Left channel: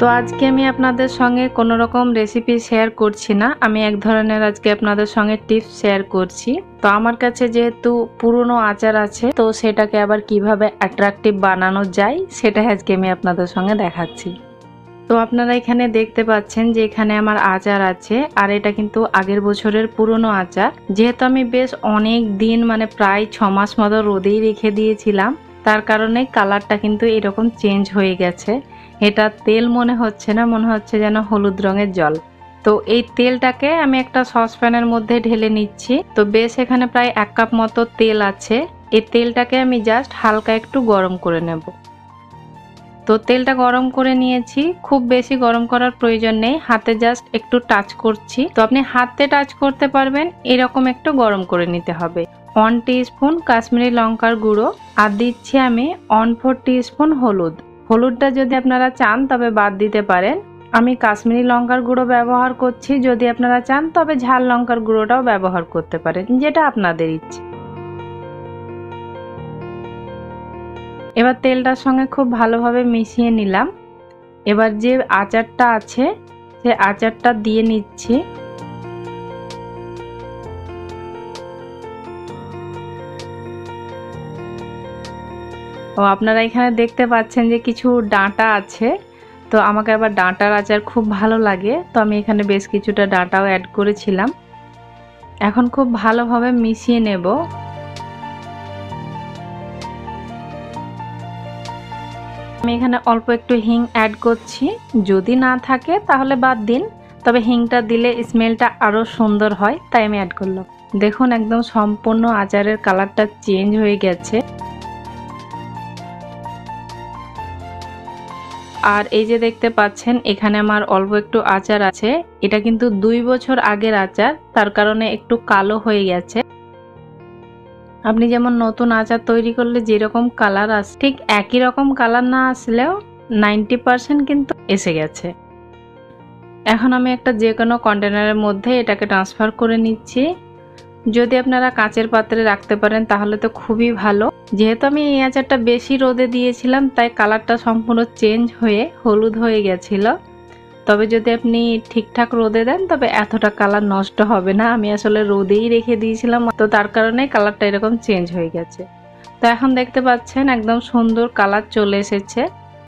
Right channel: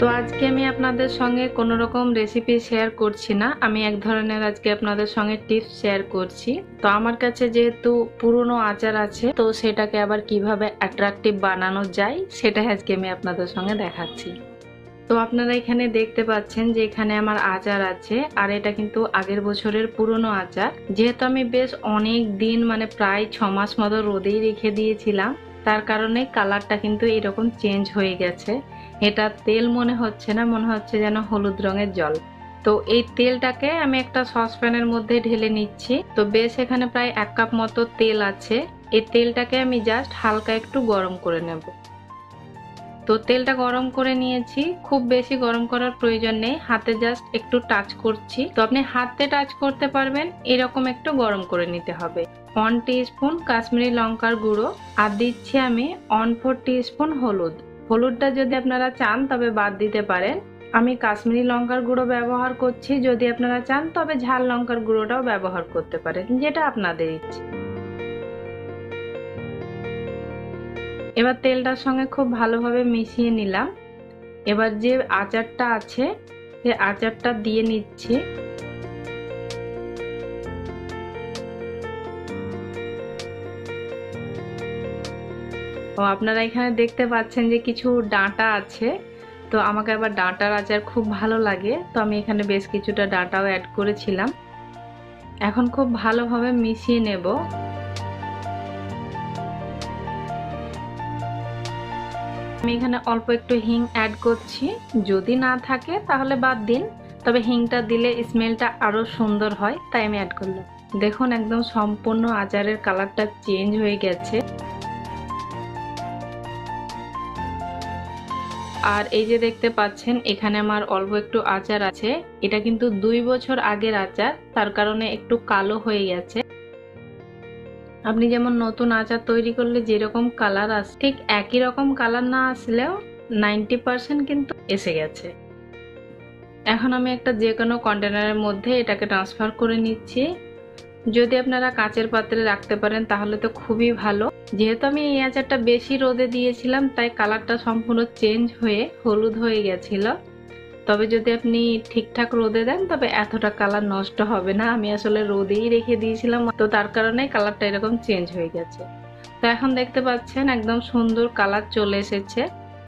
তো আজকে আমি আপনাদের সঙ্গে কোনো রকম রেসিপি শেয়ার করছি না, আমি এক ধরনের আজকে আপনাদের সঙ্গে টিপস শেয়ার করছি। তো আমার কাছে যেহেতু পুরনো আচার আছে, তো সেটাকে আবার কিভাবে অ্যাট্রাকটিভ বানানো যায় সেটাই আজকে আমি আপনাদের সঙ্গে দেখাচ্ছি। তো আপনারা এখানে দেখতে পাচ্ছেন যে এখানে আমার আচার আছে, আর এটা কিন্তু আগের বছরের পুরনো আচার। যেহেতু আমি বেশ অনেক দিন মানে প্রায় 6 মাস মতো রোদেই রেখে দিয়েছিলাম, তার কারণে কালারটা কিন্তু এরকম চেঞ্জ হয়ে গেছে। এটা তেল মনে হচ্ছে না, মনে হচ্ছে যেন হলুদ রঙের জল। তো এই তেলটাকে আমি একটা সসপ্যানের মধ্যে ঢেলে নিচ্ছি। তো বেশ এখানে প্রায় 1 কাপ মতো তেল আছে। এই তেলটাকে আমি জাস্ট হালকা একটু গরম করে নেব। তো তেলটা গরম করে নিয়েছি, খুব বেশি গরম করার প্রয়োজন নেই, হাতে জাস্ট একটু টাচ করছি। তো আপনি হাতে টাচ করতে পারবেন এরকম একটু গরম করে নিতে হবে। 1 টিস্পুন কাশ্মীরি লঙ্কার গুঁড়ো, আর দিচ্ছি আমি 1/4 টিস্পুন হলুদ। হলুদটা যদি আপনারা চান তবে বাদ দিতে পারেন। আমি কাশ্মীরি লঙ্কার গুঁড়ো ব্যবহার করছি, যদি আপনারা চান তবে ঝাল লঙ্কার গুঁড়োটাও ব্যবহার করতে পারেন, যেটা আপনাদের ইচ্ছে। এবার তেলটার সঙ্গে খুব ভালোভাবে মিশিয়ে নিলাম। এবার যে আচারটা আছে সে আচারটা দিয়ে নিচ্ছি। ও আপনারা এখানে দেখতে পাচ্ছেন যে কিছু ডাঁটা আছে। তো আমাকে আবার ডাঁটার আচার খুব ভালো লাগে, তো আমি এখানে বেশ কিছুটা ডাঁটাও অ্যাড করেছিলাম। এখন খুব ভালোভাবে মিশিয়ে নেব। আমি এখানে অল্প একটু হিং অ্যাড করছি, যদি না থাকে তাহলে বাদ দিন, তবে হিংটা দিলে স্মেলটা আরো সুন্দর হয়, তাই আমি অ্যাড করলাম। দেখুন একদম সম্পূর্ণ আচারের কালারটা চেঞ্জ হয়ে গেছে। আর এই যে দেখতে পাচ্ছেন এখানে আমার অল্প একটু আচার আছে, এটা কিন্তু 2 বছর আগের আচার, তার কারণে একটু কালো হয়ে গেছে। আপনি যেমন নতুন আচার তৈরি করলে যেরকম কালার আসে, ঠিক একই রকম কালার না আসলেও 90% কিন্তু এসে গেছে। এখন আমি একটা যে কোনো কন্টেনারের মধ্যে এটাকে ট্রান্সফার করে নিচ্ছি। যদি আপনারা কাঁচের পাত্রে রাখতে পারেন তাহলে তো খুবই ভালো। যেহেতু আমি এই আচারটা বেশি রোদে দিয়েছিলাম, তাই কালারটা সম্পূর্ণ চেঞ্জ হয়ে হলুদ হয়ে গেছিল। তবে যদি আপনি ঠিকঠাক রোদে দেন তবে এতটা কালার নষ্ট হবে না। আমি আসলে রোদেই রেখে দিয়েছিলাম, তো তার কারণে কালারটা এরকম চেঞ্জ হয়ে গেছে। তো এখন দেখতে পাচ্ছেন একদম সুন্দর কালার চলে এসেছে।